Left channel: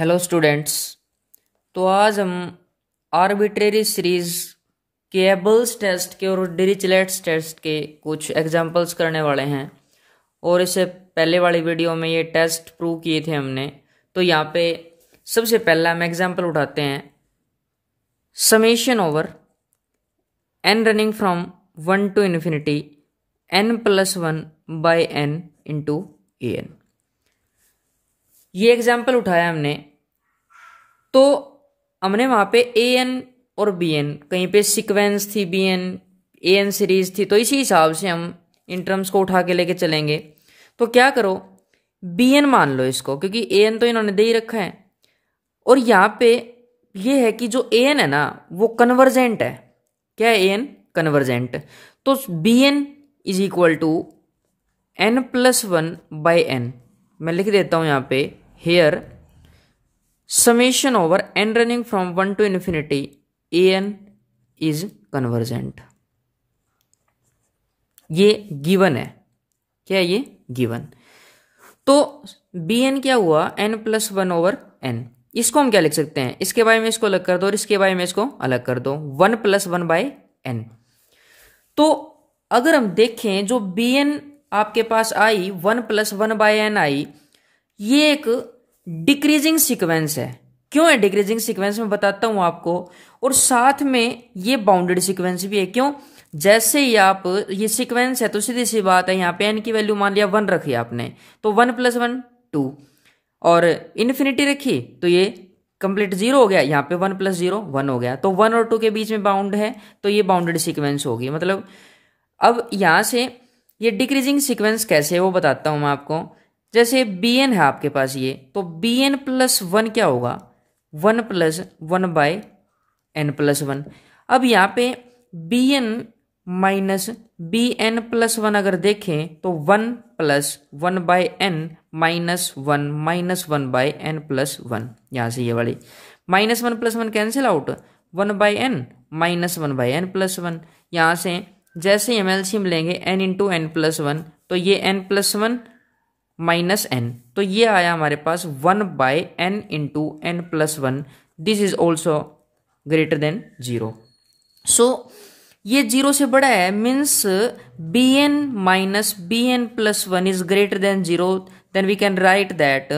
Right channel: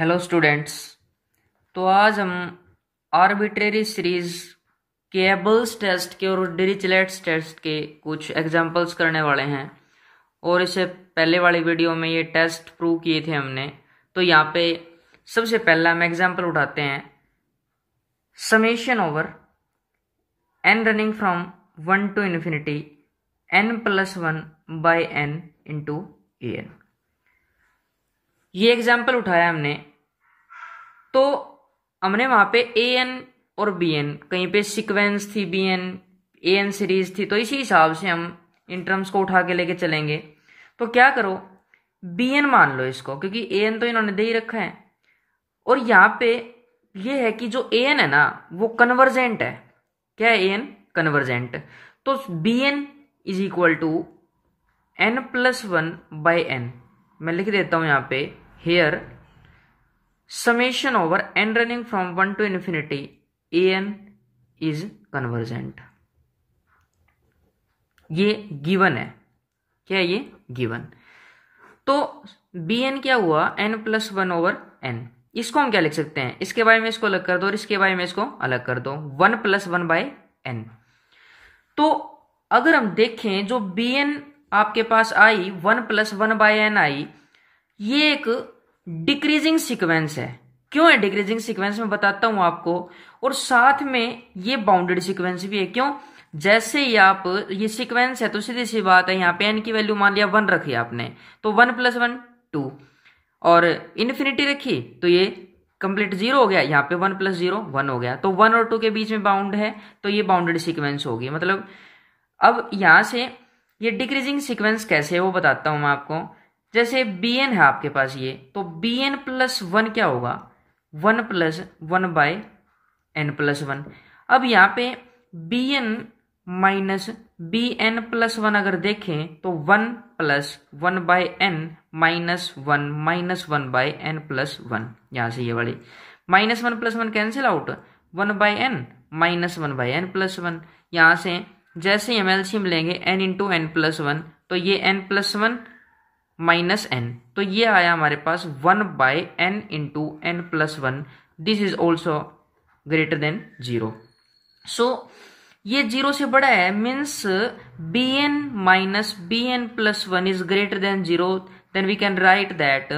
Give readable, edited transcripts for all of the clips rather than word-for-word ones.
Hello students. तो आज हम आर्बिट्रेरी सीरीज के एबल्स टेस्ट के और डिरिचलेट्स टेस्ट के कुछ एग्जांपल्स करने वाले हैं। और इससे पहले वाली वीडियो में ये टेस्ट प्रूव किए थे हमने। तो यहाँ पे सबसे पहला हम एग्जांपल उठाते हैं, summation over n running from 1 to infinity n+1 by n into an। ये एग्जाम्पल उठाया हमने, तो हमने वहां पे an और bn कहीं पे सीक्वेंस थी, bn an सीरीज थी, तो इसी हिसाब से हम इन टर्म्स को उठा के लेके चलेंगे। तो क्या करो, bn मान लो इसको, क्योंकि an तो इन्होंने दे ही रखा है। और यहाँ पे ये है कि जो an है ना वो कन्वर्जेंट है। क्या है an? कन्वर्जेंट। तो bn is equal to n+1 by n। मैं लिख देता हूं यहाँ पे, here summation over n running from 1 to infinity an is convergent. ये गिवन है। क्या है ये? गिवन। तो bn क्या हुआ? n+1 over n। इसको हम क्या लिख सकते हैं? इसके बारे में इसको अलग कर दो और इसके बारे में इसको अलग कर दो, 1+1 by n। तो अगर हम देखें, जो bn आपके पास आई 1+1 by n आई, ये एक डिक्रीजिंग सीक्वेंस है। क्यों है डिक्रीजिंग सीक्वेंस? मैं बताता हूं आपको। और साथ में ये बाउंडेड सीक्वेंस भी है। क्यों? जैसे ही आप, ये सीक्वेंस है तो सीधी सी बात है, यहाँ पे n की वैल्यू मान लिया 1 रखी आपने, तो 1+1 2, और इन्फिनिटी रखी तो ये कंप्लीट 0 हो गया। यहाँ पे 1+0 1 हो गया, तो 1 और 2 के बीच में बाउंड है, तो ये बाउंडेड सीक्वेंस होगी। मतलब अब यहां से ये डिक्रीजिंग सीक्वेंस कैसे है वो बताता हूं मैं आपको। जैसे bn है आपके पास ये, तो bn+1 क्या होगा? 1+1 by n+1। अब यहाँ पे bn माइनस bn+1 अगर देखें तो 1+1 by n -1 by n+1। यहाँ से ये वाली -1+1 cancel out, 1 by n -1 by n+1। यहाँ से जैसे हम एलसीएम लेंगे n इंटू n+1, तो ये n+1 माइनस n, तो ये आया हमारे पास 1 by n into n+1। This is also greater than 0। So ये 0 से बड़ा है, means bn minus bn+1 is greater than 0। Then we can write that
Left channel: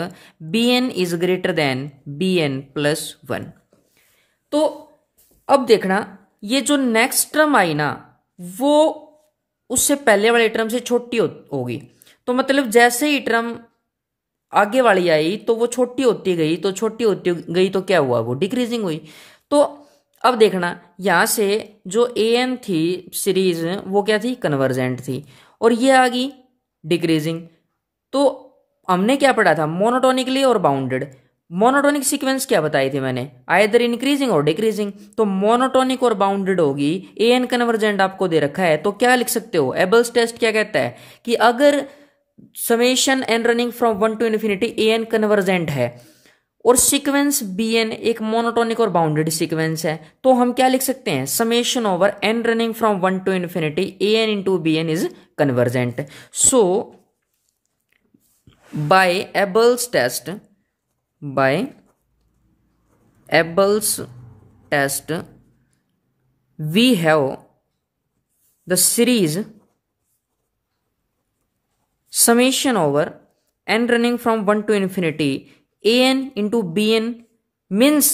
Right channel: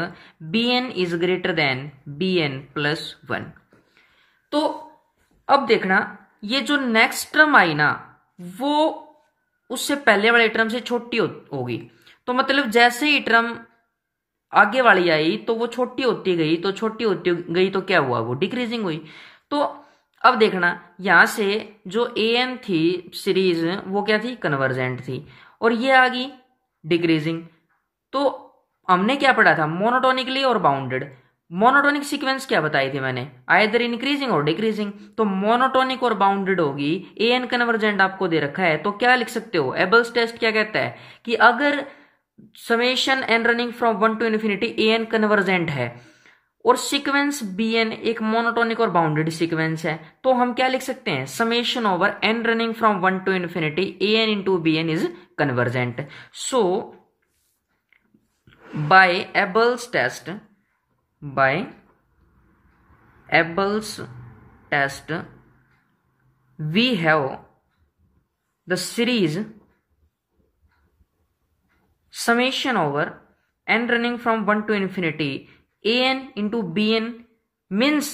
bn is greater than bn+1। तो अब देखना, ये जो नेक्स्ट टर्म आई ना, वो उससे पहले वाले टर्म से छोटी होगी। तो मतलब जैसे ही टर्म आगे वाली आई तो वो छोटी होती गई, तो छोटी होती गई तो क्या हुआ? वो डिक्रीजिंग हुई। तो अब देखना, यहां से जो an थी सीरीज, वो क्या थी? कन्वर्जेंट थी। और ये आ गई डिक्रीजिंग। तो हमने क्या पढ़ा था? मोनोटोनिकली और बाउंडेड। मोनोटोनिक सीक्वेंस क्या बताई थी मैंने? आइदर इंक्रीजिंग और डिक्रीजिंग। तो मोनोटोनिक और बाउंडेड होगी। an कन्वर्जेंट आपको दे रखा है, तो क्या लिख सकते हो? एबल्स टेस्ट क्या कहता है कि अगर summation n running from 1 to infinity an convergent है और सीक्वेंस bn एक मोनोटोनिक और बाउंडेड सीक्वेंस है, तो हम क्या लिख सकते हैं? Summation over n running from 1 to infinity an into bn is convergent. So by Abel's test we have the series summation over n running from 1 to infinity an into bn means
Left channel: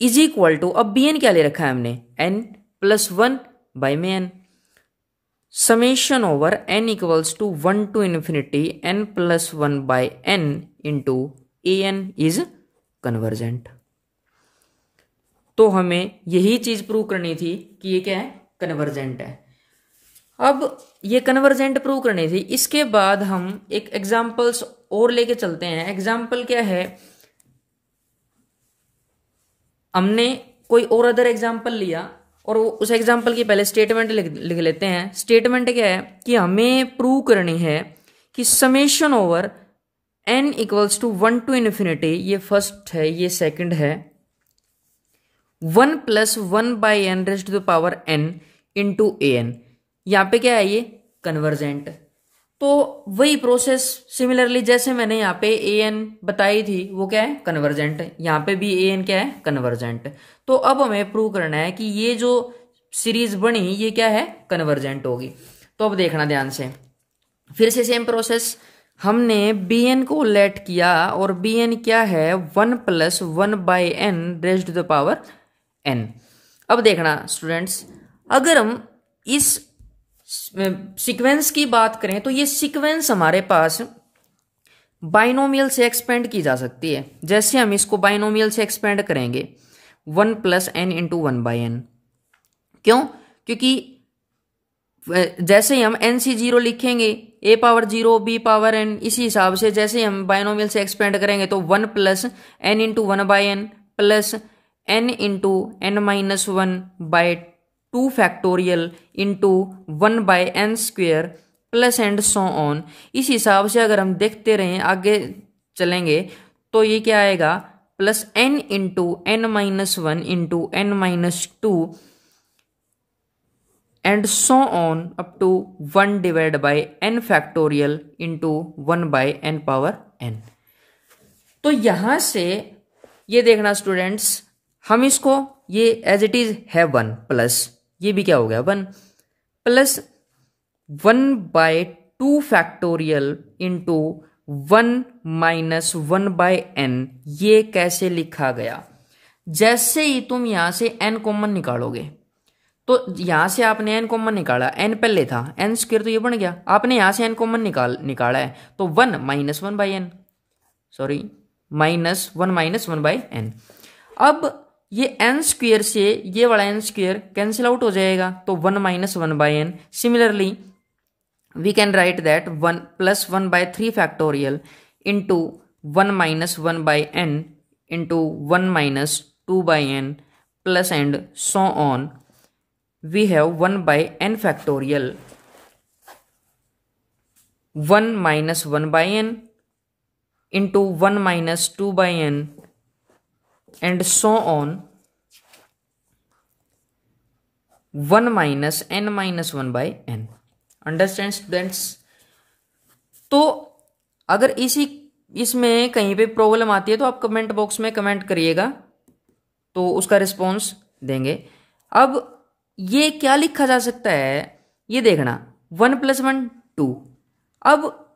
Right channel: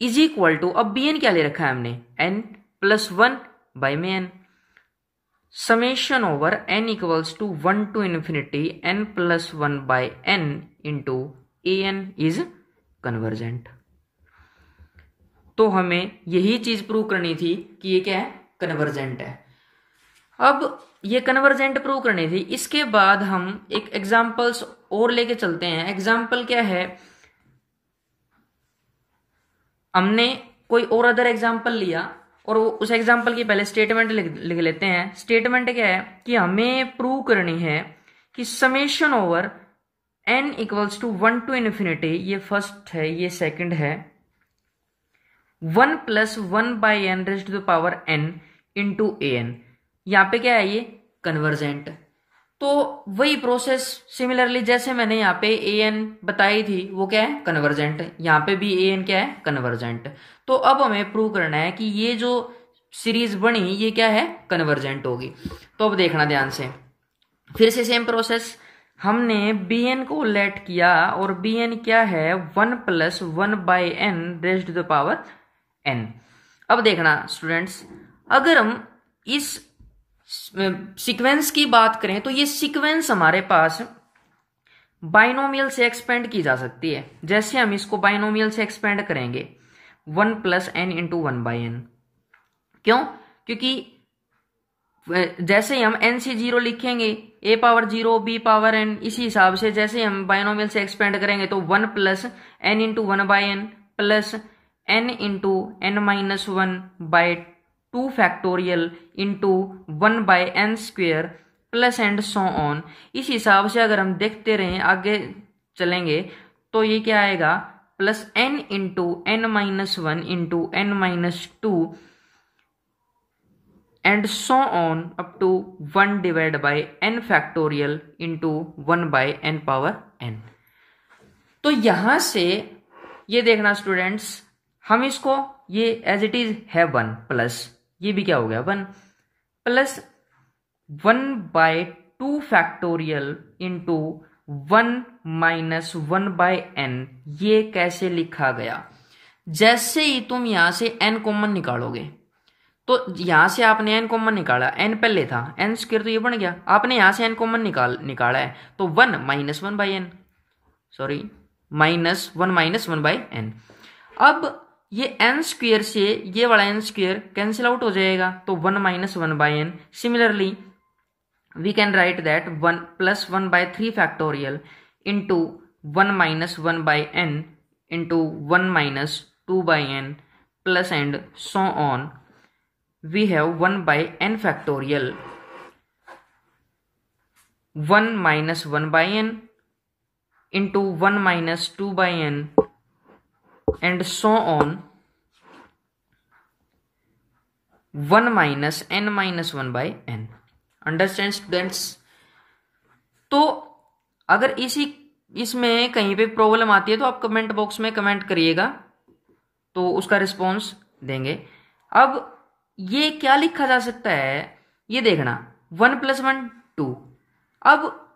is equal to, अब bn क्या ले रखा है हमने? n+1 by में n, summation over n equals to 1 to infinity n+1 by n into an is convergent। तो हमें यही चीज प्रूव करनी थी कि ये क्या है? कन्वर्जेंट है। अब ये कन्वर्जेंट प्रूव करनी थी, इसके बाद हम एक एग्जांपल्स और लेके चलते हैं। एग्जांपल क्या है? हमने कोई और अदर एग्जांपल लिया और उस एग्जांपल की पहले स्टेटमेंट लिख लेते हैं। स्टेटमेंट क्या है कि हमें प्रूव करनी है कि summation over n equals to 1 to infinity, ये फर्स्ट है, ये सेकंड है, 1+1 by n raised to the power n into an। यहां पे क्या है? ये कन्वर्जेंट। तो वही प्रोसेस सिमिलरली जैसे मैंने यहाँ पे ए एन बताई थी वो क्या है कन्वर्जेंट, यहाँ पे भी ए एन क्या है कन्वर्जेंट। तो अब हमें प्रूव करना है कि ये जो सीरीज बनी ये क्या है कन्वर्जेंट होगी। तो अब देखना ध्यान से, फिर से सेम प्रोसेस, हमने बी एन को लेट किया और बी एन क्या है 1 + 1/n raised to the power n। अब देखना स्टूडेंट्स, अगर हम इस सीक्वेंस की बात करें तो ये सीक्वेंस हमारे पास बाइनोमियल से एक्सपेंड की जा सकती है। जैसे हम इसको बाइनोमियल से एक्सपेंड करेंगे 1 + n × 1/n, क्यों? क्योंकि जैसे ही हम NC0 लिखेंगे a power 0 b power n, इसी हिसाब से जैसे हम बाइनोमियल से एक्सपेंड करेंगे तो 1 + n × 1/n plus n × n-1/2 factorial into 1/n² plus and so on. इस हिसाब से अगर हम देखते रहें आगे चलेंगे तो ये क्या आएगा plus n × n-1 × n-2 and so on up to 1/n factorial into 1/n power n। तो यहां से ये देखना स्टूडेंट्स, हम इसको ये एज इट इज है 1 प्लस ये भी क्या हो गया 1 प्लस 1/2 फैक्टोरियल इंटू 1 - 1/n, ये कैसे लिखा गया? जैसे ही तुम यहां से n कॉमन निकालोगे तो यहां से आपने n कॉमन निकाला, n पहले था n² तो ये बन गया, आपने यहां से n कॉमन निकाला है तो 1 - 1/n, सॉरी -1 - 1/n। अब ये n² से ये वाला n² कैंसिल आउट हो जाएगा तो 1 - 1/n। Similarly we can write that 1 + 1/3 factorial into 1 - 1/n into 1 - 2/n plus and so on. We have 1/n factorial, 1 - 1/n into 1 - 2/n and so on, 1 - n - 1/n। Understand students? तो अगर इसमें कहीं पे problem आती है तो आप कमेंट बॉक्स में कमेंट करिएगा तो उसका रिस्पॉन्स देंगे। अब ये क्या लिखा जा सकता है ये देखना 1 + 1 2। अब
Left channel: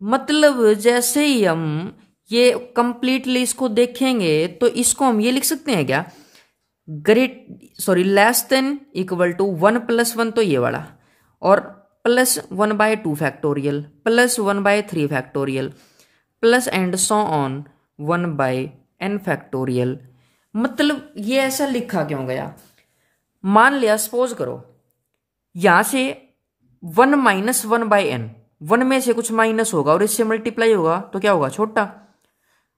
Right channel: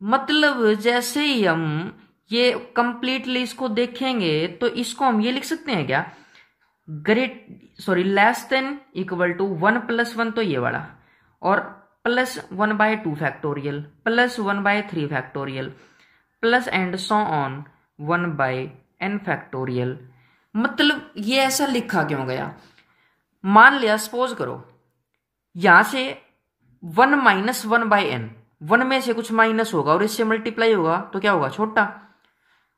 मतलब जैसे ही हम ये कंप्लीटली इसको देखेंगे तो इसको हम ये लिख सकते हैं क्या लेस देन इक्वल टू 1 + 1 तो ये वाला और plus 1/2 factorial plus 1/3 factorial plus and so on 1/n factorial. मतलब ये ऐसा लिखा क्यों गया? मान लिया सपोज करो यहां से 1 - 1/n, 1 में से कुछ माइनस होगा और इससे मल्टीप्लाई होगा तो क्या होगा छोटा।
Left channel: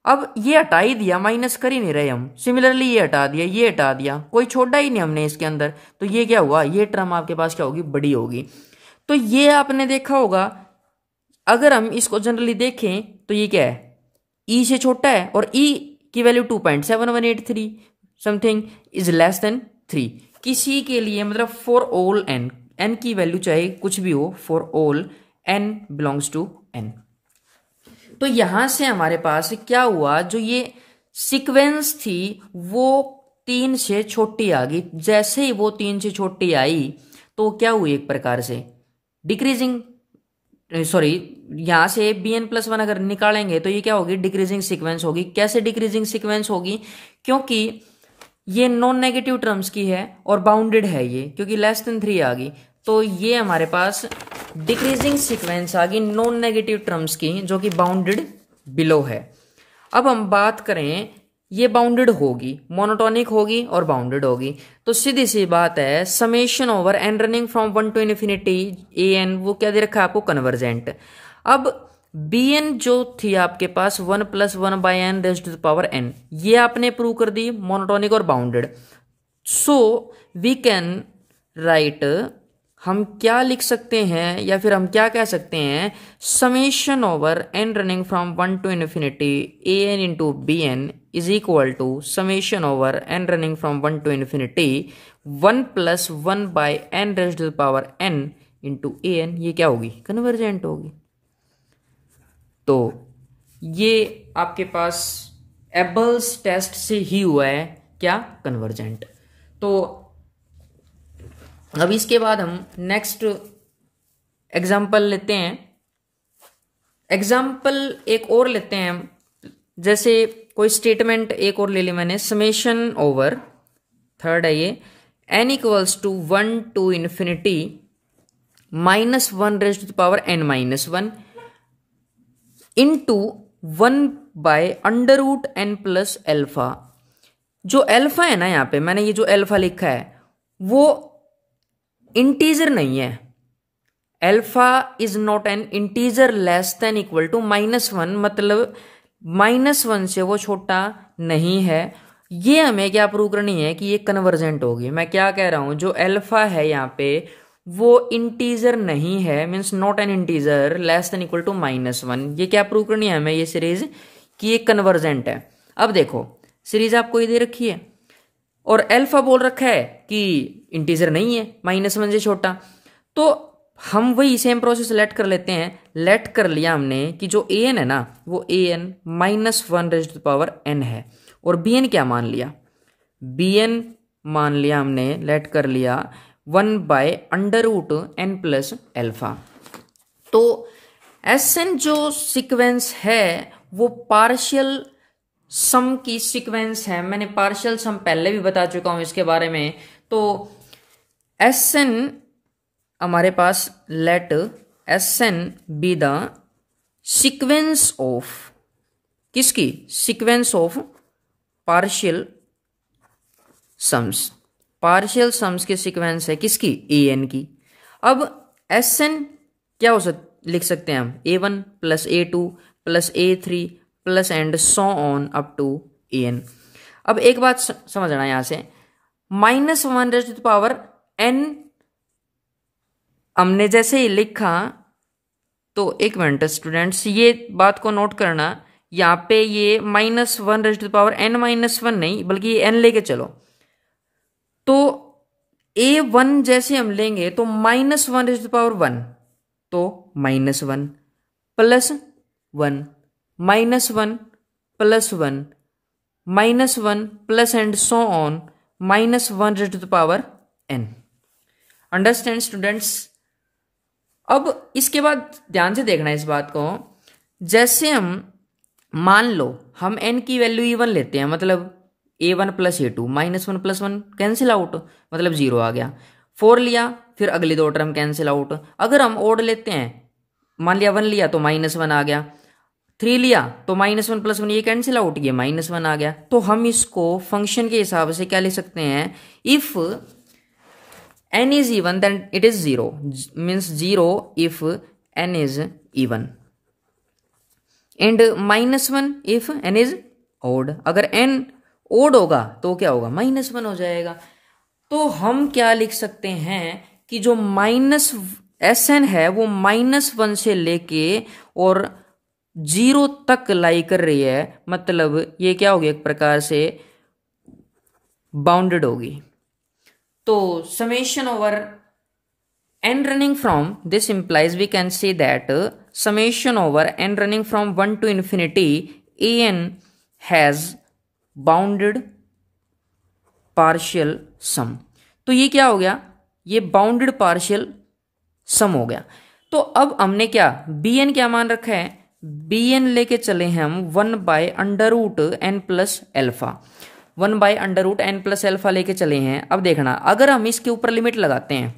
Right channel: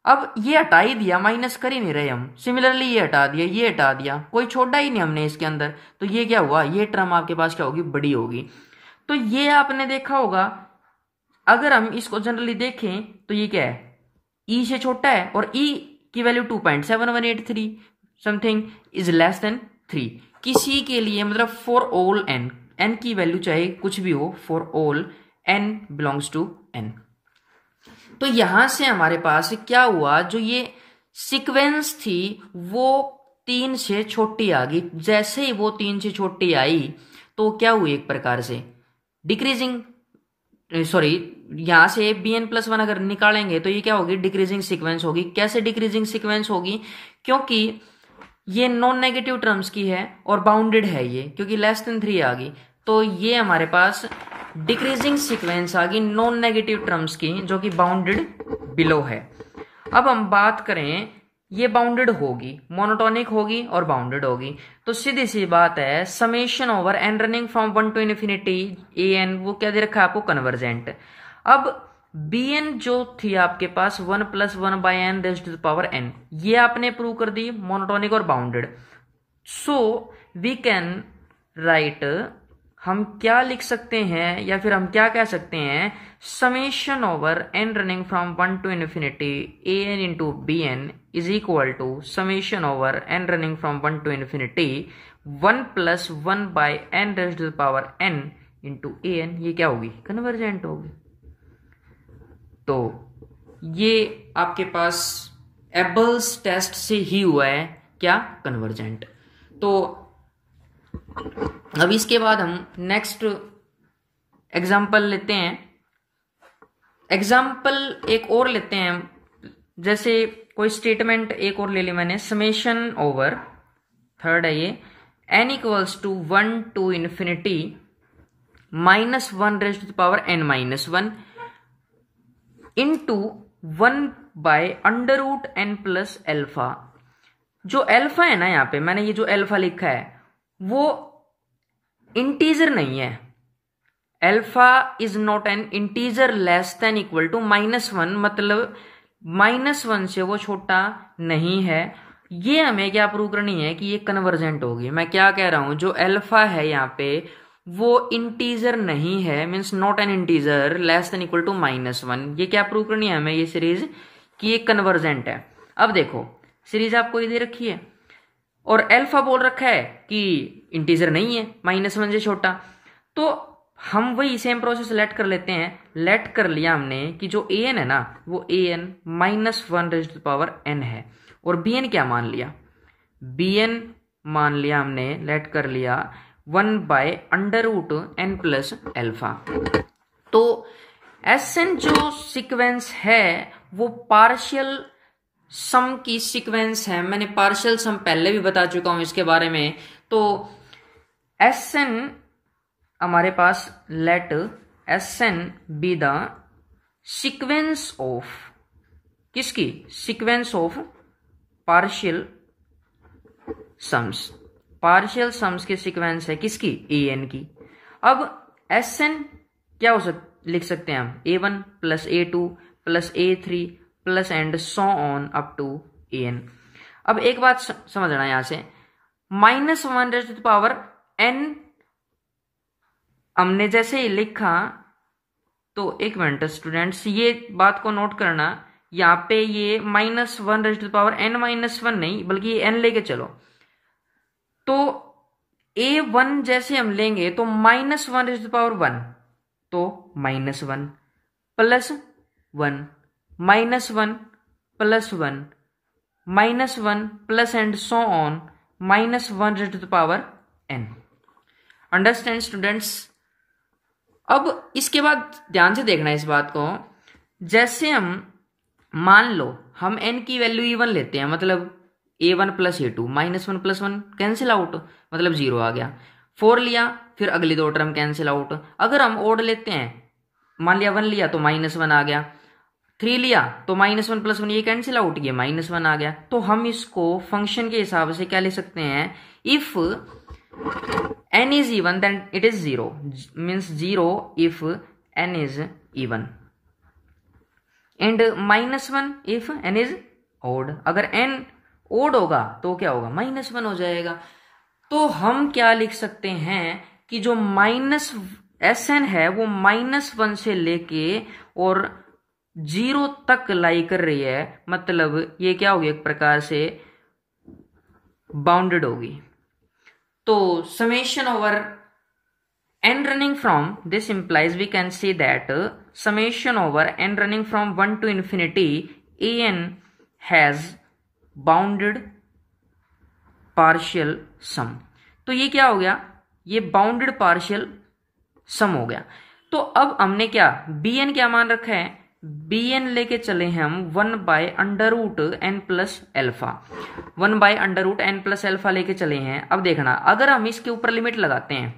अब ये हटा ही दिया, माइनस कर ही नहीं रहे हम। सिमिलरली ये हटा दिया, ये हटा दिया, कोई छोड़ा ही नहीं हमने इसके अंदर, तो ये क्या हुआ ये टर्म आपके पास क्या होगी बड़ी होगी। तो ये आपने देखा होगा अगर हम इसको जनरली देखें तो ये क्या है ई से छोटा है और ई की value 2.7183 something is less than 3 किसी के लिए, मतलब फॉर ऑल n की वैल्यू चाहे कुछ भी हो, for all n belongs to n। तो यहां से हमारे पास क्या हुआ, जो ये सीक्वेंस थी वो 3 से छोटी आ गई। जैसे ही वो 3 से छोटी आई तो क्या हुई एक प्रकार से डिक्रीजिंग, सॉरी यहां से bn+1 अगर निकालेंगे तो ये क्या होगी डिक्रीजिंग सीक्वेंस होगी। कैसे डिक्रीजिंग सीक्वेंस होगी? क्योंकि ये नॉन नेगेटिव टर्म्स की है और बाउंडेड है ये, क्योंकि लेस देन 3 आ गई तो ये हमारे पास डिक्रीजिंग सीक्वेंस आ गई नॉन नेगेटिव टर्म्स की जो कि बाउंडेड बिलो है। अब हम बात करें ये बाउंडेड होगी, मोनोटोनिक होगी और बाउंडेड होगी, तो सीधी सी बात है summation over n running from 1 to infinity an वो क्या दे रखा है आपको कन्वर्जेंट। अब bn जो थी आपके पास 1 + 1/n raised to the power n, ये आपने प्रूव कर दी मोनोटोनिक और bounded. So we can write, हम क्या लिख सकते हैं या फिर हम क्या कह सकते हैं summation over n running from 1 to infinity an into bn is equal to summation over n running from 1 to infinity 1 + 1/n raised to the power n into a n, ये क्या होगी, कन्वर्जेंट होगी। तो ये आपके पास एबल्स टेस्ट से ही हुआ है क्या, कन्वर्जेंट। तो अब इसके बाद हम नेक्स्ट एग्जाम्पल लेते हैं। एग्जाम्पल एक और लेते हैं, जैसे कोई स्टेटमेंट एक और ले ली मैंने, समेशन ओवर, थर्ड है ये, n equals to 1 to infinity minus 1 raise to the power n minus 1 into 1 by under root n plus alpha. जो अल्फा है ना, यहाँ पे मैंने ये जो अल्फा लिखा है वो इंटीजर नहीं है। Alpha is not an integer less than equal to -1, मतलब -1 से वो छोटा नहीं है। ये हमें क्या प्रूव करनी है कि ये कन्वर्जेंट होगी। मैं क्या कह रहा हूं, जो अल्फा है यहाँ पे वो इंटीजर नहीं है, means not an integer less than equal to -1। ये क्या प्रूव करनी है हमें, ये सीरीज कि ये कन्वर्जेंट है। अब देखो सीरीज आपको ये दे रखी है और अल्फा बोल रखा है कि इंटीजर नहीं है, -1 से छोटा। तो हम वही सेम प्रोसेस लेट कर लेते हैं। लेट कर लिया हमने कि जो ए एन है ना वो a n -1 raise to the power n है, और बी एन क्या मान लिया, बी एन मान लिया हमने, लेट कर लिया 1 by under root n plus alpha. तो एस एन जो सीक्वेंस है वो पार्शियल सम की सीक्वेंस है। मैंने पार्शियल सम पहले भी बता चुका हूं इसके बारे में। तो एस एन हमारे पास, let s n be the sequence of, किसकी, sequence of partial sums. Partial sums की सीक्वेंस है किसकी, ए एन की। अब एस एन क्या लिख सकते हैं हम, A1 plus A2 plus A3 plus and so on up to n. अब एक बात समझना यहां से, -1 raise to the power n हमने जैसे ही लिखा, तो एक मिनट स्टूडेंट्स ये बात को नोट करना, यहाँ पे ये -1 raise to the power n -1 नहीं बल्कि ये n लेके चलो। तो A1 जैसे हम लेंगे तो -1 रेज़ टू द पावर 1, तो -1 plus 1 -1 plus 1 -1 plus and so on -1 raise to the power n। Understand students. अब इसके बाद ध्यान से देखना इस बात को, जैसे हम मान लो हम n की वैल्यू इवन लेते हैं, मतलब A1 plus A2, -1 plus 1 cancel out, मतलब 0 आ गया। 4 लिया, फिर अगली दो टर्म कैंसिल आउट। अगर हम ओड लेते हैं, मान लिया 1 लिया तो -1 आ गया, 3 लिया तो -1 प्लस 1 ये कैंसिल आउट, ये -1 आ गया। तो हम इसको फंक्शन के हिसाब से क्या लिख सकते हैं, if n is even then it is 0, means 0 if n is even, and -1 if n is odd। अगर n odd होगा तो क्या होगा, -1 हो जाएगा। तो हम क्या लिख सकते हैं कि जो -Sn है वो -1 से लेके और 0 तक लाई कर रही है, मतलब ये क्या होगी, एक प्रकार से बाउंडेड होगी। तो summation over n running from, this implies we can say that summation over n running from 1 to infinity an has bounded partial sum। तो ये क्या हो गया, ये बाउंडेड पार्शियल सम हो गया। तो अब हमने क्या, bn क्या मान रखा है, bn लेके चले हैं हम 1 by under root n plus alpha, 1 by under root n plus alpha लेके चले हैं। अब देखना, अगर हम इसके ऊपर लिमिट लगाते हैं,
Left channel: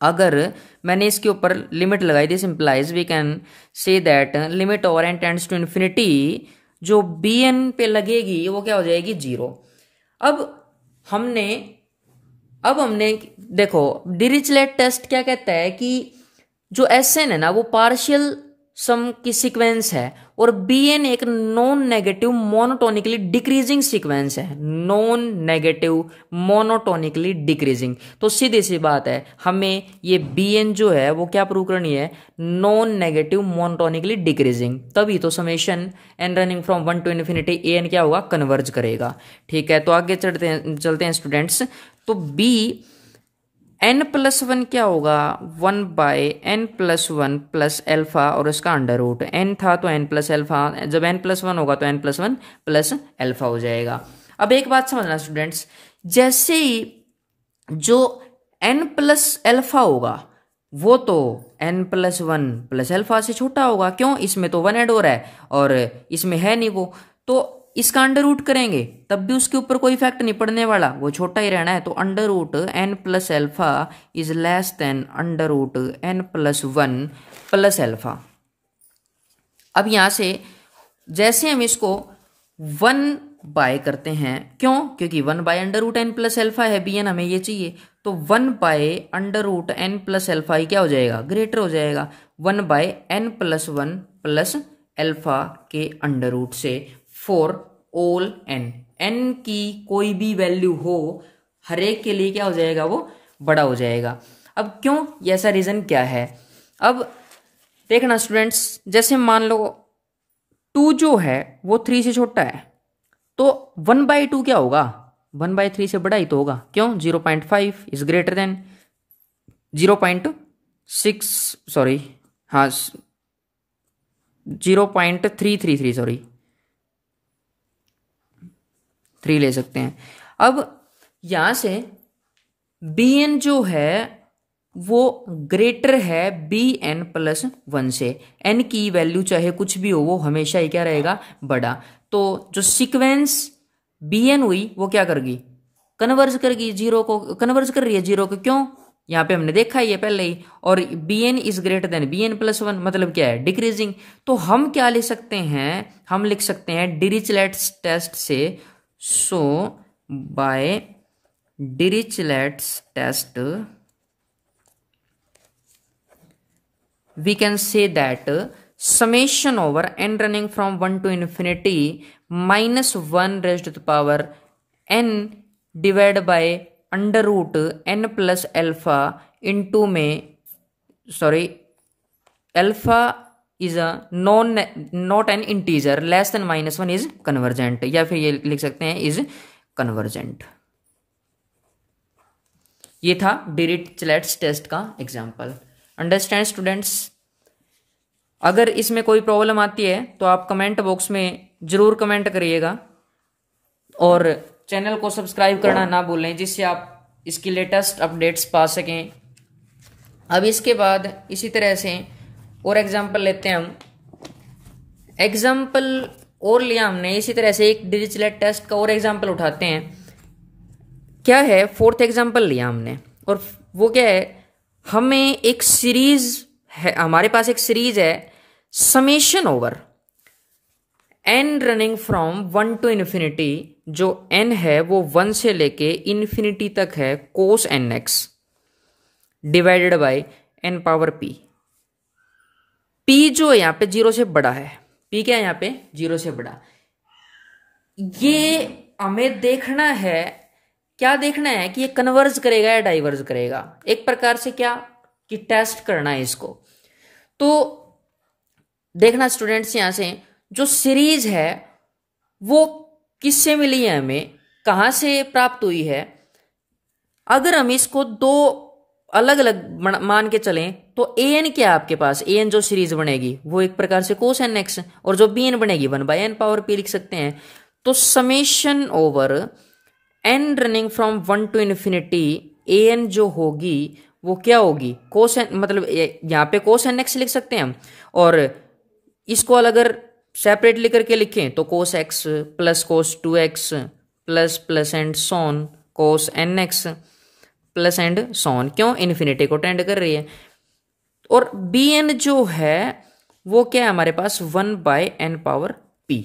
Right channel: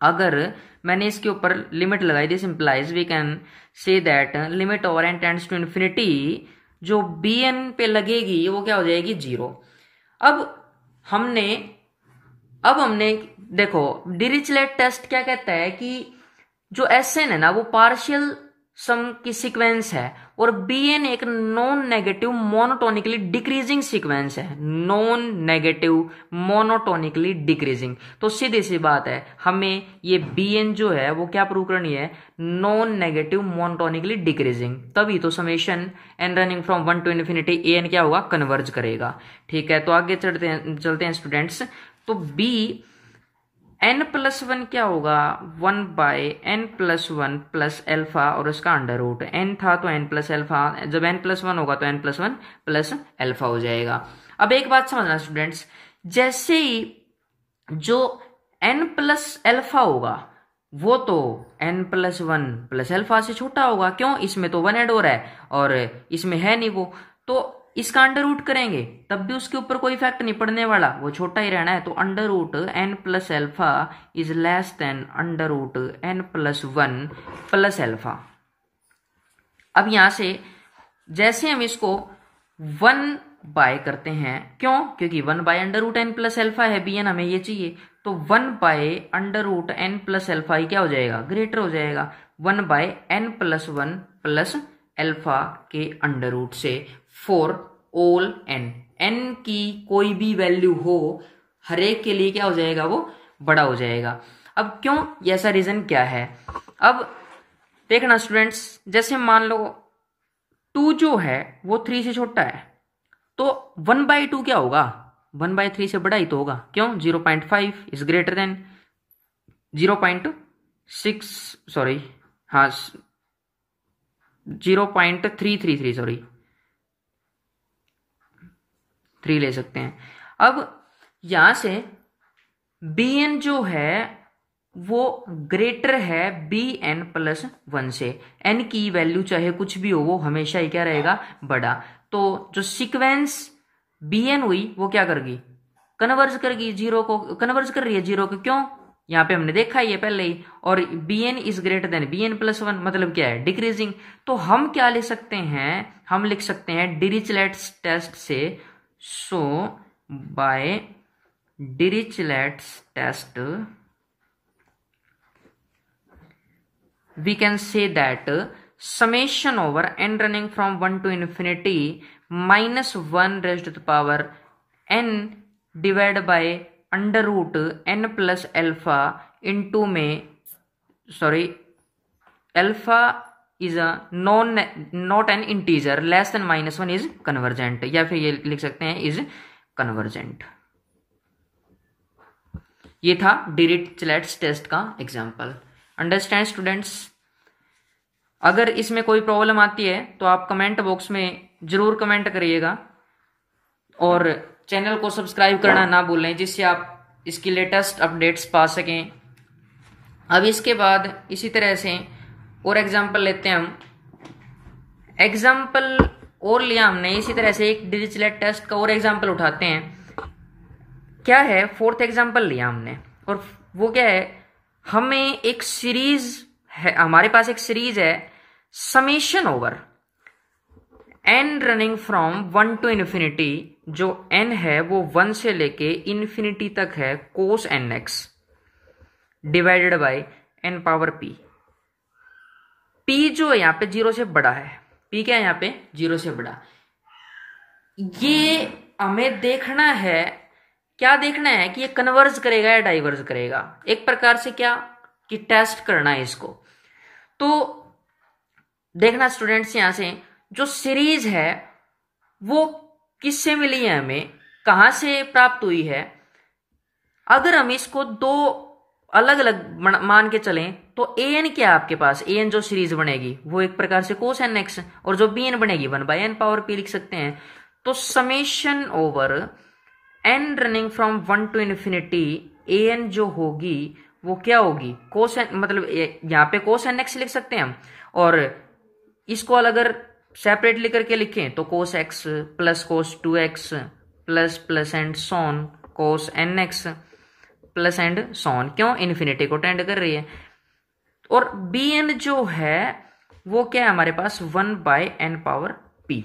अगर मैंने इसके ऊपर लिमिट लगाई, this implies we can say that limit over n tends to infinity, जो bn पे लगेगी वो क्या हो जाएगी, 0। अब हमने देखो डिरिचलेट टेस्ट क्या कहता है कि जो Sn है ना वो पार्शियल सम की सीक्वेंस है और Bn एक non negative monotonically decreasing sequence है, नॉन नेगेटिव मोनोटोनिकली डिक्रीजिंग। तो सीधी सी बात है, हमें ये Bn जो है वो क्या प्रूव करनी है, नॉन नेगेटिव मोनोटोनिकली डिक्रीजिंग, तभी तो summation n running from 1 to infinity an क्या होगा, कन्वर्ज करेगा। ठीक है, तो आगे चलते हैं स्टूडेंट्स। तो एन प्लस वन क्या होगा, 1/n+1 + अल्फा और उसका अंडर रूट। एन था तो n प्लस अल्फा, जब n+1 होगा तो n+1 + अल्फा हो जाएगा। अब एक बात समझना स्टूडेंट्स, जैसे ही जो n+अल्फा होगा वो तो n+1 + अल्फा से छोटा होगा, क्यों, इसमें तो 1 ऐड हो रहा है और इसमें है नहीं वो, तो इसका अंडर रूट करेंगे तब भी उसके ऊपर कोई इफेक्ट नहीं पड़ने वाला, वो छोटा ही रहना है। तो अंडर रूट n+अल्फा is less than under root n+1 + alpha. अब यहां से जैसे हम इसको 1 बाय करते हैं, क्यों, क्योंकि 1/√n+अल्फा है, bn हमें ये चाहिए, तो 1/√n+अल्फा ही क्या हो जाएगा, ग्रेटर हो जाएगा 1/n+1 + अल्फा के अंडर रूट से फॉर ऑल n की कोई भी वैल्यू हो, हर एक के लिए क्या हो जाएगा, वो बड़ा हो जाएगा। अब क्यों, ये ऐसा रीजन क्या है, अब देखना स्टूडेंट्स, जैसे मान लो 2 जो है वो 3 से छोटा है, तो 1/2 क्या होगा, 1/3 से बड़ा ही तो होगा, क्यों, 0.5 इज ग्रेटर देन 0.6, सॉरी, हाँ 0.333, सॉरी 3 ले सकते हैं। अब यहां से bn जो है वो ग्रेटर है bn+1 से, n की वैल्यू चाहे कुछ भी हो वो हमेशा ही क्या रहेगा, बड़ा। तो जो सीक्वेंस bn हुई वो क्या करेगी, कन्वर्ज करेगी, जीरो को कन्वर्ज कर रही है जीरो को, क्यों, यहाँ पे हमने देखा ही है पहले ही, और bn is greater than bn+1 मतलब क्या है, डिक्रीजिंग। तो हम क्या लिख सकते हैं, हम लिख सकते हैं डिरिचलेट्स टेस्ट से, so by Dirichlet's test we can say that summation over n running from 1 to infinity minus 1 raised to the power n divided by under root n+अल्फा इंटू में, sorry, alpha is a not an integer less than -1 is convergent, या फिर ये लिख सकते हैं is convergent. ये था डिरिचलेट्स टेस्ट का एग्जाम्पल। अंडरस्टैंड स्टूडेंट्स, अगर इसमें कोई प्रॉब्लम आती है तो आप कमेंट बॉक्स में जरूर कमेंट करिएगा और चैनल को सब्सक्राइब करना ना भूलें, जिससे आप इसकी लेटेस्ट अपडेट्स पा सकें। अब इसके बाद इसी तरह से और एग्जांपल लेते हैं हम, एग्जांपल और लिया हमने इसी तरह से एक डिरिचलेट टेस्ट का और एग्जांपल उठाते हैं। क्या है, 4th एग्जांपल लिया हमने, और वो क्या है, हमें एक सीरीज है, हमारे पास एक सीरीज है summation over n running from 1 to infinity, जो n है वो 1 से लेके इन्फिनिटी तक है, cos nx divided by n⁻p। p जो है यहाँ पे 0 से बड़ा है, p क्या है यहाँ पे 0 से बड़ा। ये हमें देखना है, क्या देखना है कि ये कन्वर्ज करेगा या डाइवर्ज करेगा, एक प्रकार से क्या कि टेस्ट करना है इसको। तो देखना स्टूडेंट्स, यहां से जो सीरीज है वो किससे मिली है, हमें कहां से प्राप्त हुई है। अगर हम इसको दो अलग अलग मान के चलें तो an क्या है आपके पास, an जो सीरीज बनेगी वो एक प्रकार से cos nx, और जो bn बनेगी 1/n⁻p लिख सकते हैं। तो summation over n running from 1 to infinity an जो होगी वो क्या होगी, cos n, मतलब यहाँ पे cos nx लिख सकते हैं हम, और इसको अगर सेपरेटली करके लिखें तो cos x plus cos 2x plus and so cos nx plus and so, on, infinity को टेंड कर रही है। और bn जो है वो क्या है हमारे पास 1/n⁻p।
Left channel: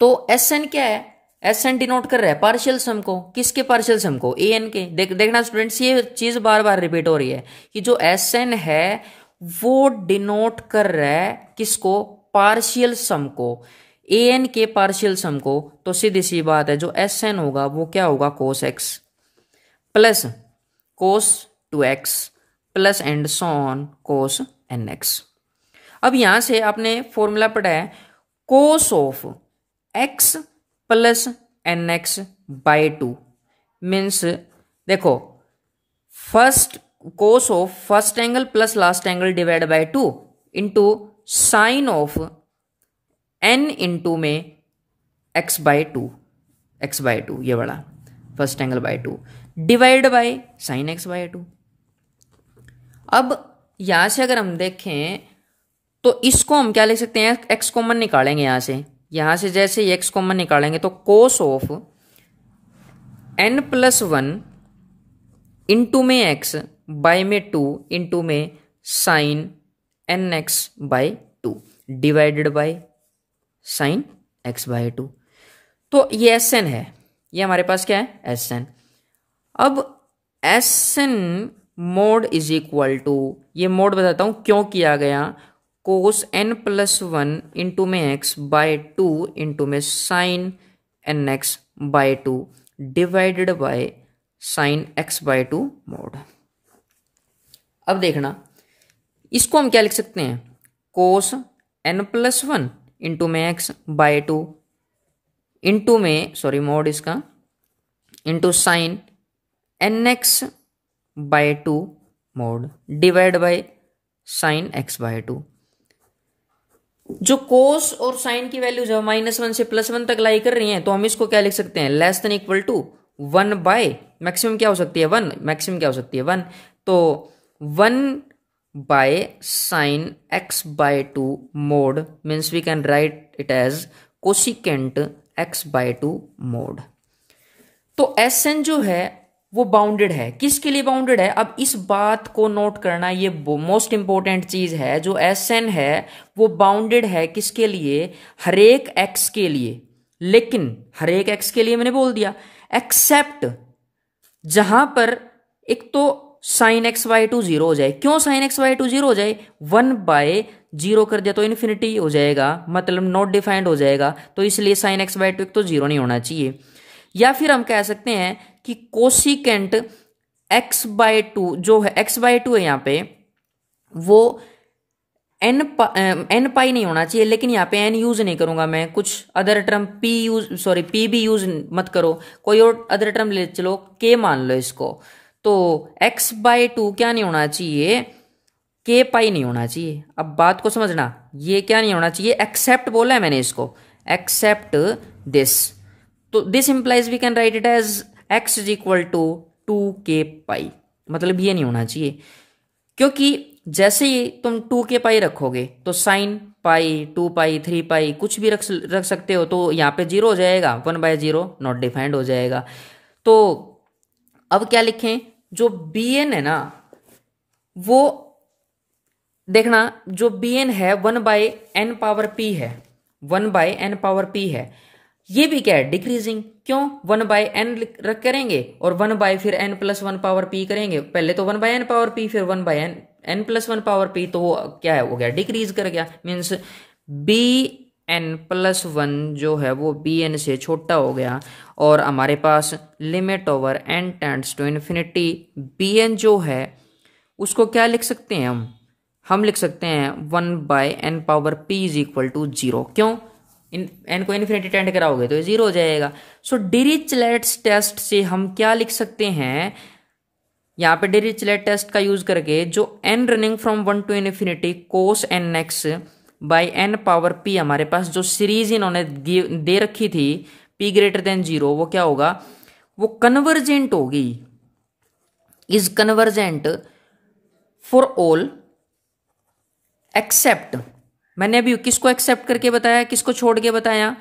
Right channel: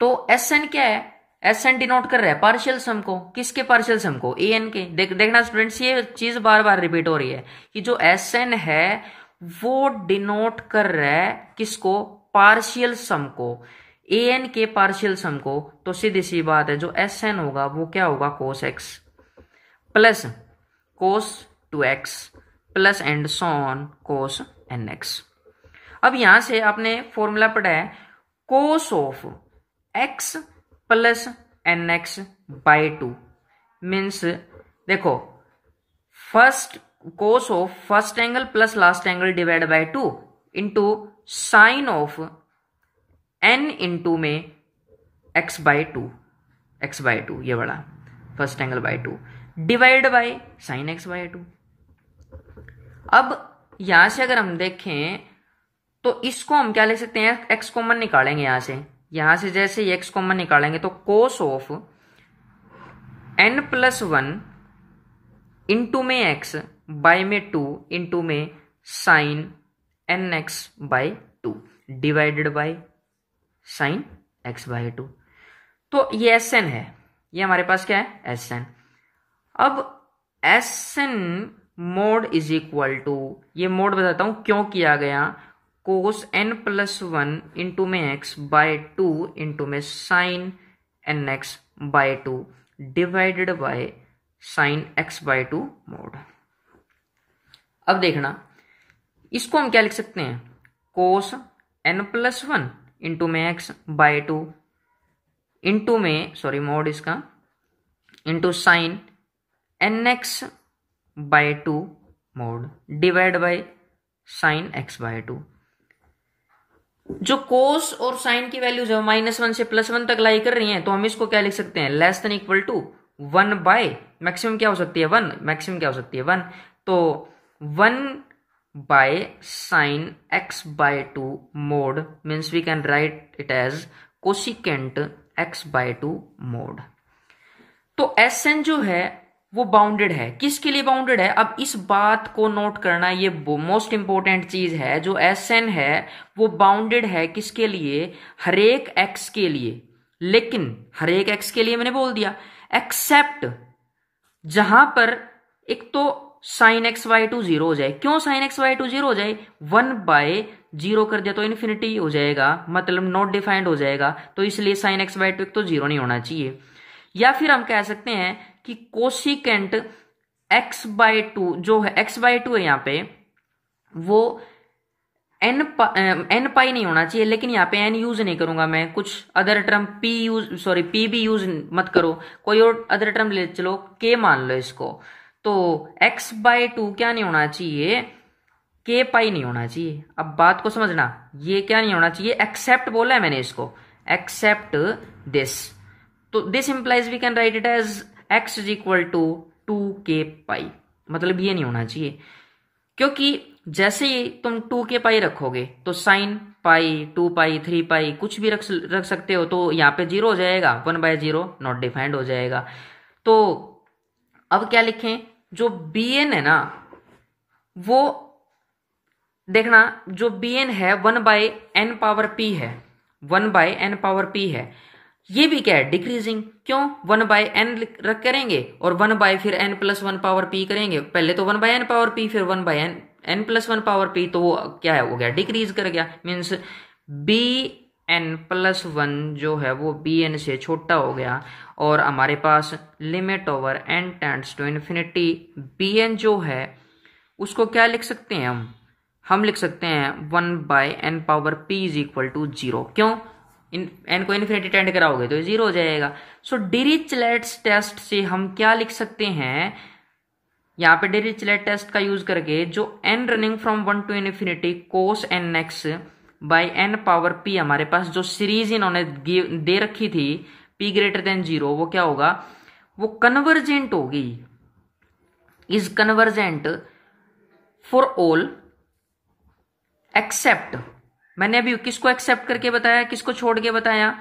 तो Sn क्या है, Sn डिनोट कर रहा है पार्शियल सम को, किसके पार्शियल सम को, an के। देखना स्टूडेंट्स, ये चीज बार बार रिपीट हो रही है कि जो Sn है वो डिनोट कर रहा है किसको, पार्शियल सम को, an के पार्शियल सम को। तो सीधी सी बात है जो Sn होगा वो क्या होगा, cos x plus cos 2x plus and so on cos nx। अब यहां से आपने फॉर्मूला पढ़ा है cos of x plus nx/2 means, देखो first cos of first angle plus last angle divide by 2 into sine of n into में x/2 ये बड़ा first angle by 2 divide by sine x/2। अब यहां से अगर हम देखें तो इसको हम क्या लिख सकते हैं, x कॉमन निकालेंगे यहां से जैसे ही x कॉमन निकालेंगे तो कोस ऑफ n+1 इंटू में x बाय में 2 इंटू में sine nx/2 divided by sine x/2। तो ये Sn है, ये हमारे पास क्या है Sn। अब Sn mod is equal to, ये मोड बताता हूं क्यों किया गया, कोस n+1 इंटू में x/2 इंटू में sine nx/2 divided by sine x/2 mod. अब देखना इसको हम क्या लिख सकते हैं, कोस n+1 इंटू में x/2 इंटू में मोड इसका into sine nx/2 mode divide by sine x/2। जो कोस और साइन की वैल्यूज है -1 से +1 तक लाई कर रही हैं, तो हम इसको क्या लिख सकते हैं, less than equal to 1 by maximum क्या हो सकती है 1, मैक्सिमम क्या हो सकती है 1, तो 1 by sine x/2 mod means we can write it as cosecant x/2 mod. तो Sn जो है वो बाउंडेड है, किसके लिए बाउंडेड है, अब इस बात को नोट करना, ये मोस्ट इंपॉर्टेंट चीज है। जो Sn है वो बाउंडेड है किसके लिए, हरेक x के लिए, लेकिन हरेक x के लिए मैंने बोल दिया एक्सेप्ट जहां पर एक तो साइन x/2 0 हो जाए। क्यों साइन x/2 0 हो जाए, 1/0 कर दिया तो इन्फिनिटी हो जाएगा, मतलब नॉट डिफाइंड हो जाएगा, तो इसलिए साइन x/2 तो 0 नहीं होना चाहिए। या फिर हम कह सकते हैं कि कोसिकेंट x/2 जो है x/2 है यहाँ पे, वो n पाई नहीं होना चाहिए, लेकिन यहाँ पे n यूज नहीं करूंगा मैं, कुछ अदर टर्म p भी यूज मत करो, कोई और अदर टर्म ले चलो, k मान लो इसको। तो x/2 क्या नहीं होना चाहिए, k पाई नहीं होना चाहिए। अब बात को समझना, ये क्या नहीं होना चाहिए, एक्सेप्ट बोला है मैंने इसको, एक्सेप्ट दिस। तो this implies we can write it as x is equal to 2k pi, मतलब ये नहीं होना चाहिए, क्योंकि जैसे ही तुम 2k पाई रखोगे तो साइन पाई 2 पाई 3 पाई कुछ भी रख सकते हो, तो यहाँ पे 0 हो जाएगा, 1/0 नॉट डिफाइंड हो जाएगा। तो अब क्या लिखें, जो bn है ना, वो देखना जो bn है 1/n⁻p है, 1/n⁻p है, ये भी क्या है डिक्रीजिंग। क्यों, 1/n रख करेंगे और 1 फिर n+1 करेंगे, पहले तो 1/n⁻p फिर 1/n+1 तो वो क्या है, हो गया डिक्रीज कर गया, मीन्स bn+1 जो है वो bn से छोटा हो गया, और हमारे पास limit over n tends to infinity bn जो है उसको क्या लिख सकते हैं हम लिख सकते हैं 1/n⁻p इज इक्वल टू 0। क्यों, n को इन्फिनिटी टेंड कराओगे तो 0 हो जाएगा। सो डिरिचलेट्स टेस्ट से हम क्या लिख सकते हैं, यहाँ पे डिरिचलेट टेस्ट का यूज करके जो n running from 1 to infinity cos nx/n⁻p हमारे पास जो सीरीज इन्होंने दे रखी थी p ग्रेटर देन 0, वो क्या होगा, वो कन्वर्जेंट होगी, is convergent for all except, मैंने अभी किसको एक्सेप्ट करके बताया, किसको छोड़ के बताया,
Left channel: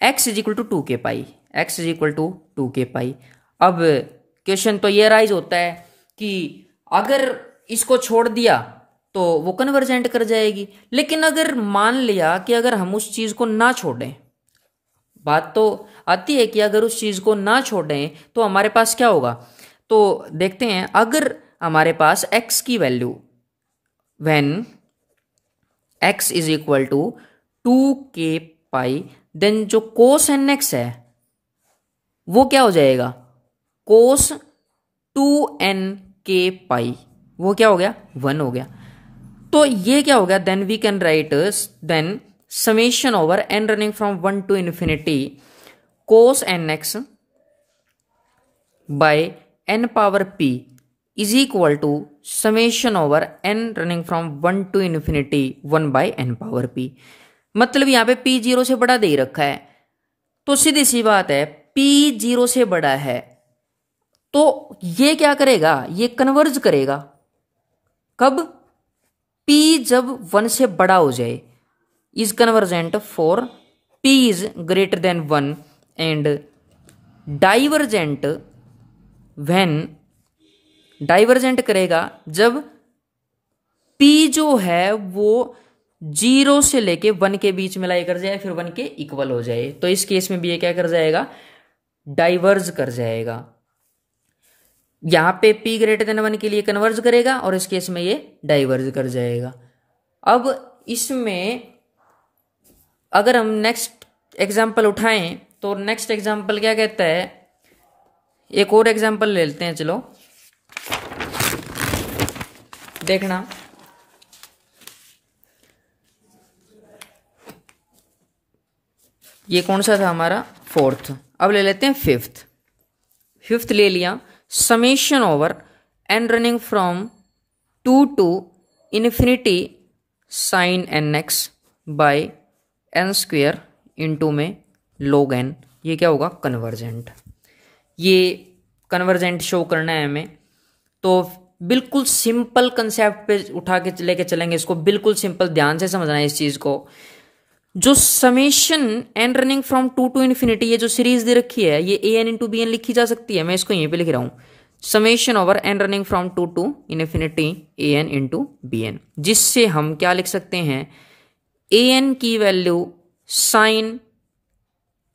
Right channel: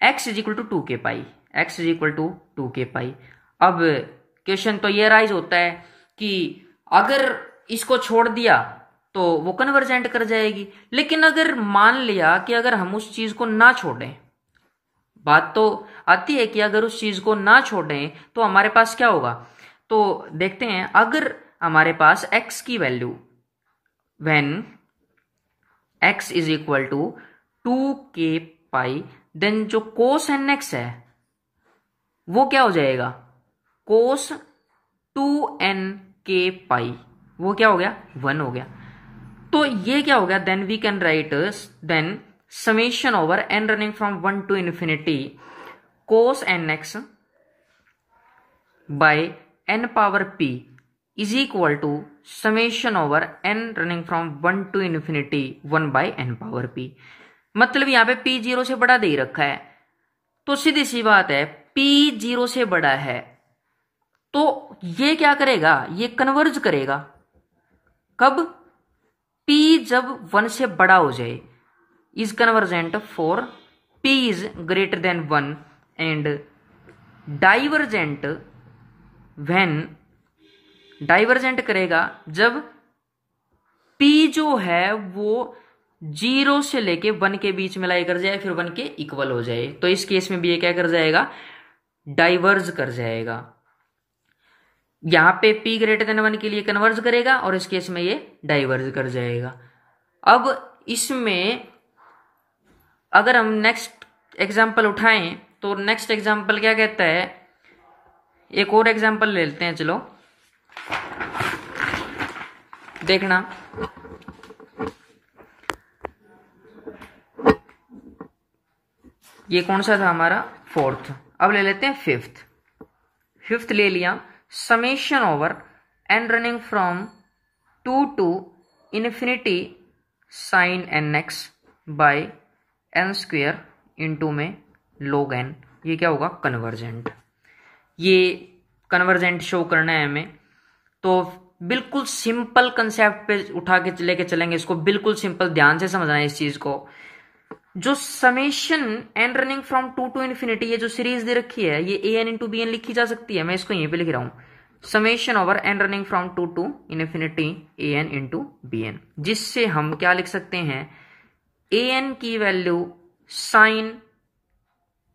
x is equal to 2k pi, x is equal to 2k pi. अब क्वेश्चन तो ये राइज होता है कि अगर इसको छोड़ दिया तो वो कन्वर्जेंट कर जाएगी, लेकिन अगर मान लिया कि अगर हम उस चीज को ना छोड़ें, बात तो आती है कि अगर उस चीज को ना छोड़ें तो हमारे पास क्या होगा, तो देखते हैं। अगर हमारे पास x की value when x is equal to 2k pi, then जो कोस nx है वो क्या हो जाएगा, कोस 2nk पाई, वो क्या हो गया 1 हो गया। तो ये क्या हो गया, then we can write then summation over n running from 1 to infinity cos nx by n power p is equal to summation over n running from 1 to infinity 1 by n power p. मतलब यहाँ पे P 0 से बड़ा दे रखा है, तो सीधी सी बात है पी 0 से बड़ा है तो ये क्या करेगा, ये कन्वर्ज करेगा। कब? p जब 1 से बड़ा हो जाए। Is convergent for p is greater then 1 and divergent when, divergent करेगा जब p जो है वो 0 से लेके 1 के बीच में लाई कर जाए, फिर 1 के इक्वल हो जाए। तो इस केस में भी ये क्या कर जाएगा, डाइवर्ज कर जाएगा। यहां पे p ग्रेटर देन 1 के लिए कन्वर्ज करेगा और इस केस में ये डाइवर्ज कर जाएगा। अब इसमें अगर हम नेक्स्ट एग्जांपल उठाएं तो नेक्स्ट एग्जांपल क्या कहता है, एक और एग्जांपल ले लेते हैं। चलो देखना, ये कौन सा था हमारा, फोर्थ। अब ले लेते हैं फिफ्थ ले लिया। Summation over n running from 2 to infinity sine n x by n square into में log n। ये क्या होगा, कन्वर्जेंट। ये कन्वर्जेंट शो करना है हमें, तो बिल्कुल सिंपल कंसेप्ट पे उठा के लेके चलेंगे इसको, बिल्कुल सिंपल, ध्यान से समझना है इस चीज को। जो summation n running from 2 to infinity, ये जो सीरीज दे रखी है ये a n into b n लिखी जा सकती है। मैं इसको यहीं पे लिख रहा हूं, summation over n running from 2 to infinity a n into b n, जिससे हम क्या लिख सकते हैं, ए एन की value sine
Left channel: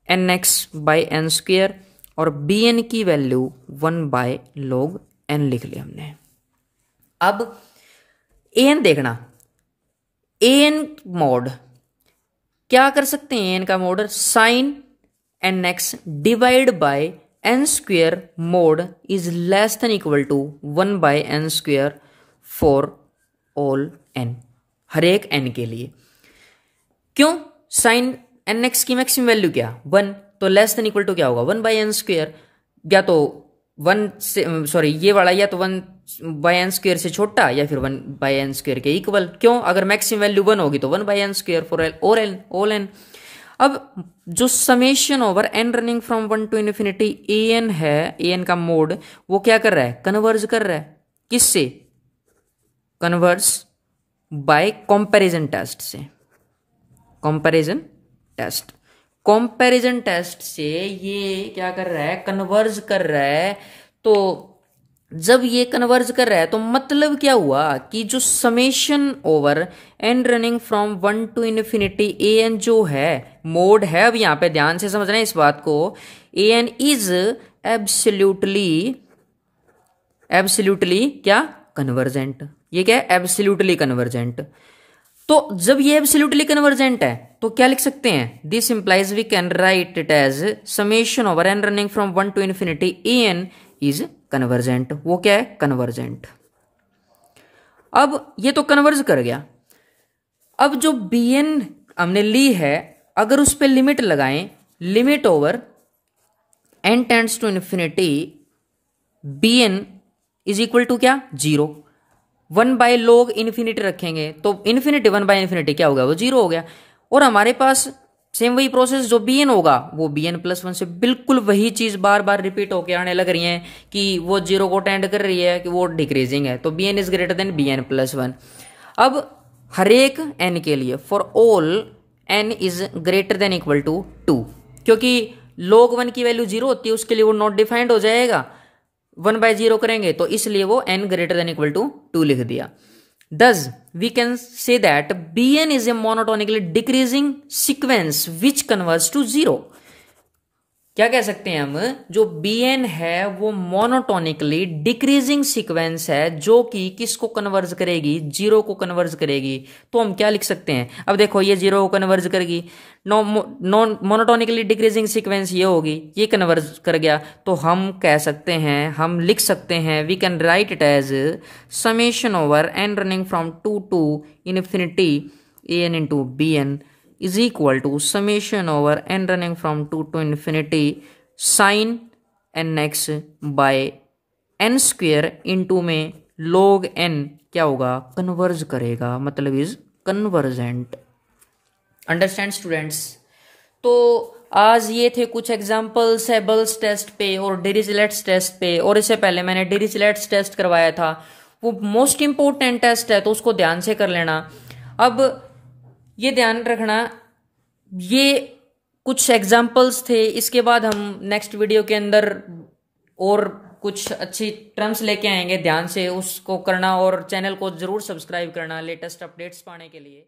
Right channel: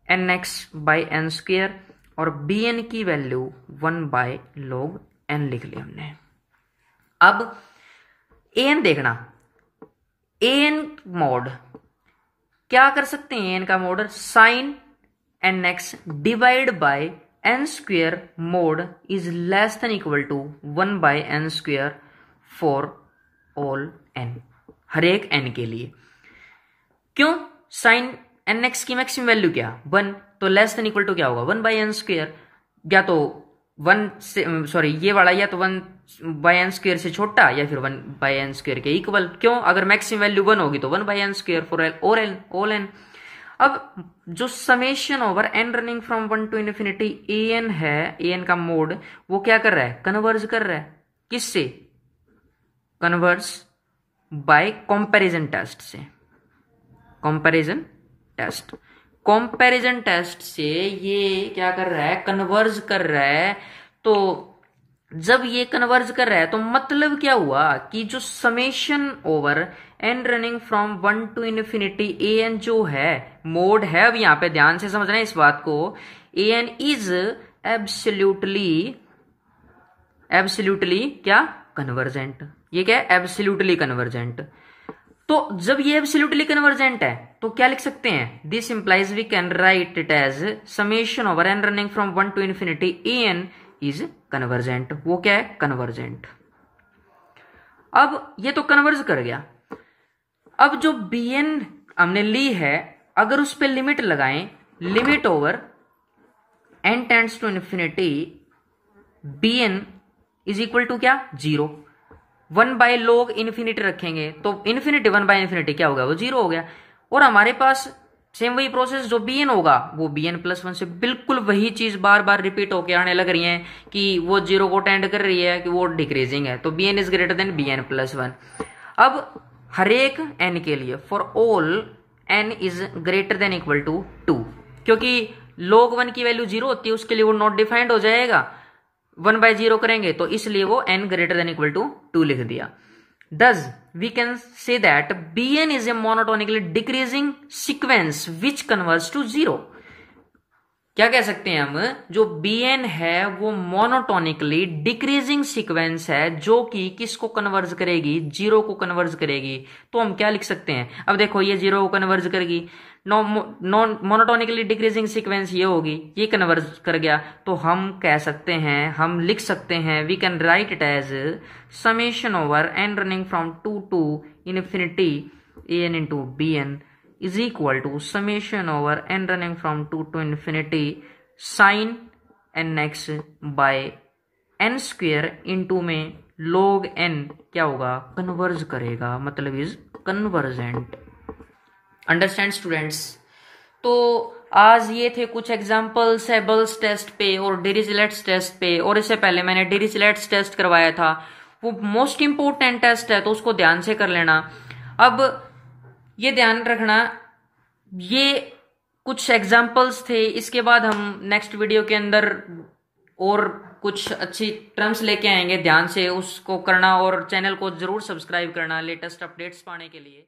n x by n square और बी एन की वैल्यू 1 बाय log n लिख लिया हमने। अब ए एन देखना, ए एन मोड क्या कर सकते हैं, एन का mod sine n x divide by n square mod is less than equal to 1 by n square for all n, हर एक एन के लिए। क्यों? साइन एन एक्स की मैक्सिमम वैल्यू क्या, 1, तो लेस देन इक्वल टू क्या होगा, 1 बाय एन स्क्वेयर, या तो 1 से सॉरी ये वाला या तो 1 बाय एन स्क्वेयर से छोटा या फिर 1 बाय एन स्क्वेयर के इक्वल। क्यों? अगर मैक्सिमम वैल्यू 1 होगी तो 1 by n square for all n. अब जो summation over n running from 1 to infinity a n है, ए एन का मोड वो क्या कर रहा है, कन्वर्ज कर रहा है। किससे? कन्वर्स बाय कंपैरिजन टेस्ट से। कंपैरिजन टेस्ट से ये क्या कर रहा है, कन्वर्ज कर रहा है। तो जब ये कन्वर्ज कर रहा है तो मतलब क्या हुआ कि जो summation over n running from 1 to infinity a n जो है मोड है, अब यहां पे ध्यान से समझना है इस बात को, ए एन इज एब्सोल्युटली क्या, कन्वर्जेंट। ये क्या है, एब्सोल्युटली कन्वर्जेंट। तो जब ये एब्सोल्युटली कन्वर्जेंट है तो क्या लिख सकते हैं, this implies we can write it as summation over n running from 1 to infinity a n is convergent. वो क्या है, कन्वर्जेंट। अब ये तो कन्वर्ज कर गया। अब जो बी एन हमने ली है, अगर उस पर लिमिट लगाएं, limit over n tends to infinity b n is equal to क्या, 0। 1 बाय log इन्फिनिटी रखेंगे तो इन्फिनिटी 1 बाय इन्फिनिटी क्या होगा, वो 0 हो गया। और हमारे पास सेम वही प्रोसेस जो bn होगा वो bn+1 से बिल्कुल वही चीज बार बार रिपीट होके आने लग रही है कि वो 0 को टेंड कर रही है कि वो डिक्रीजिंग है, तो bn is greater than bn+1। अब हर एक n के लिए for all n is greater than equal to 2, क्योंकि log 1 की वैल्यू 0 होती है उसके लिए वो नॉट डिफाइंड हो जाएगा, 1 बाय 0 करेंगे तो इसलिए वो n greater than equal to 2 लिख दिया। Thus, we can say that Bn is a monotonically decreasing sequence which converges to 0. क्या कह सकते हैं हम, जो Bn है वो मोनोटोनिकली डिक्रीजिंग सीक्वेंस है जो कि किसको कन्वर्ज करेगी, 0 को कन्वर्ज करेगी। तो हम क्या लिख सकते हैं, अब देखो ये 0 को कन्वर्ज करेगी, नॉन मोनोटोनिकली डिक्रीजिंग सीक्वेंस ये होगी, ये कन्वर्ज कर गया, तो हम कह सकते हैं, हम लिख सकते हैं, we can write it as summation over n running from 2 to infinity a n into b n is equal to summation over n running from 2 to infinity sin nx by n square into में log n क्या होगा, converge करेगा, मतलब is convergent. Understand students. तो आज ये थे कुछ एग्जांपल्स एबल्स टेस्ट पे और डिरिचलेट्स टेस्ट पे, और इससे पहले मैंने डिरिचलेट्स टेस्ट करवाया था, वो मोस्ट इंपोर्टेंट टेस्ट है तो उसको ध्यान से कर लेना। अब ये ध्यान रखना, ये कुछ एग्जांपल्स थे, इसके बाद हम नेक्स्ट वीडियो के अंदर और कुछ अच्छी टर्म्स लेके आएंगे, ध्यान से उसको करना और चैनल को जरूर सब्सक्राइब करना लेटेस्ट अपडेट्स पाने के लिए।